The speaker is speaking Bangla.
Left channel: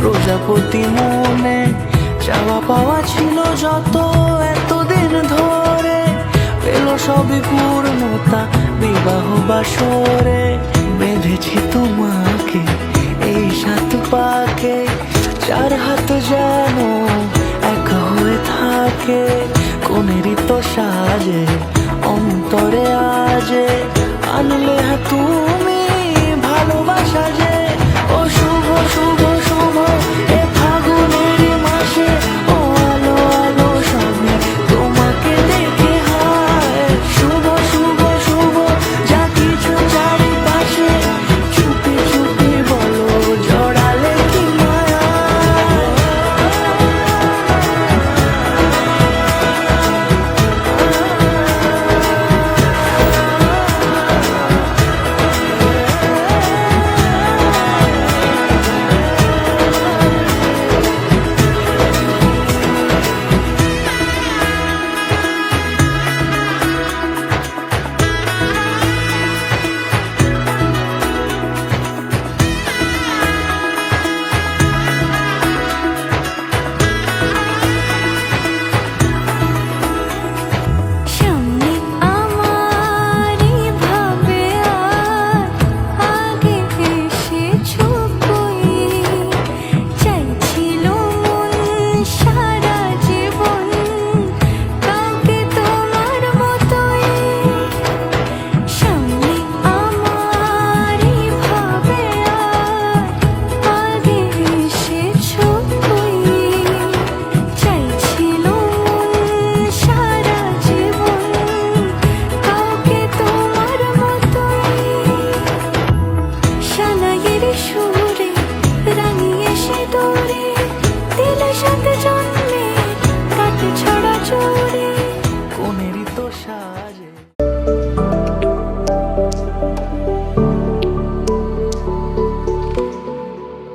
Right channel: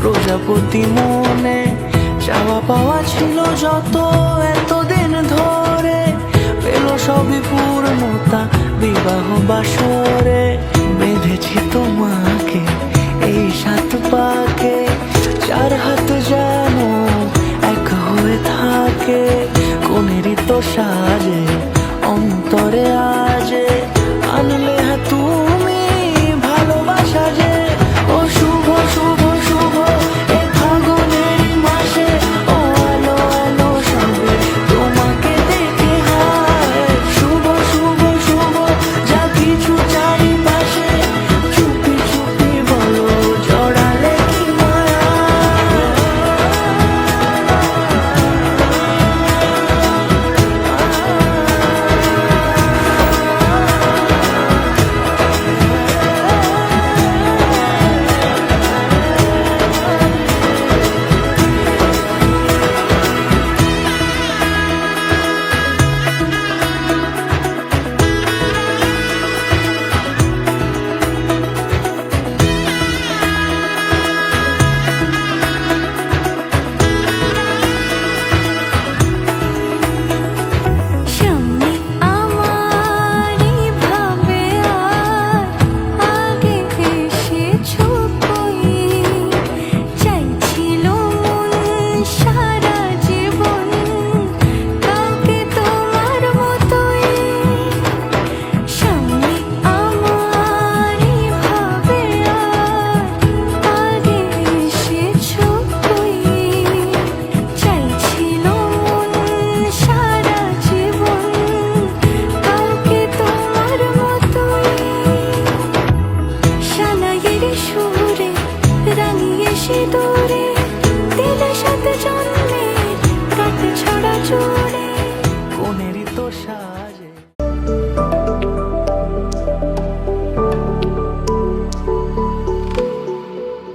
প্রজাপতি মনে চাওয়া পাওয়া ছিল যত এতদিন ধরে, পেল সবই পূর্ণতা বিবাহ বাসরে। বেঁধেছি তোমাকে এই 7 পাকে, 4 হাত যেন এক হয়ে থাকে। কোনেরই তো সাজে অন্তরে আজে আনলে তুমি ভালোবাসা যে। ও শুভ শুভ শুভ এ ফাগুনেরই মাসে, ও আলো আলো সবে তোমাকে দেখে হায়। শুভ শুভ শুভ যা কিছু চারিপাশে, চুপি চুপি বলো জড়ালে কি মায়া। সুরে রাঙিয়ে সে দূরে দিলে 7 জন।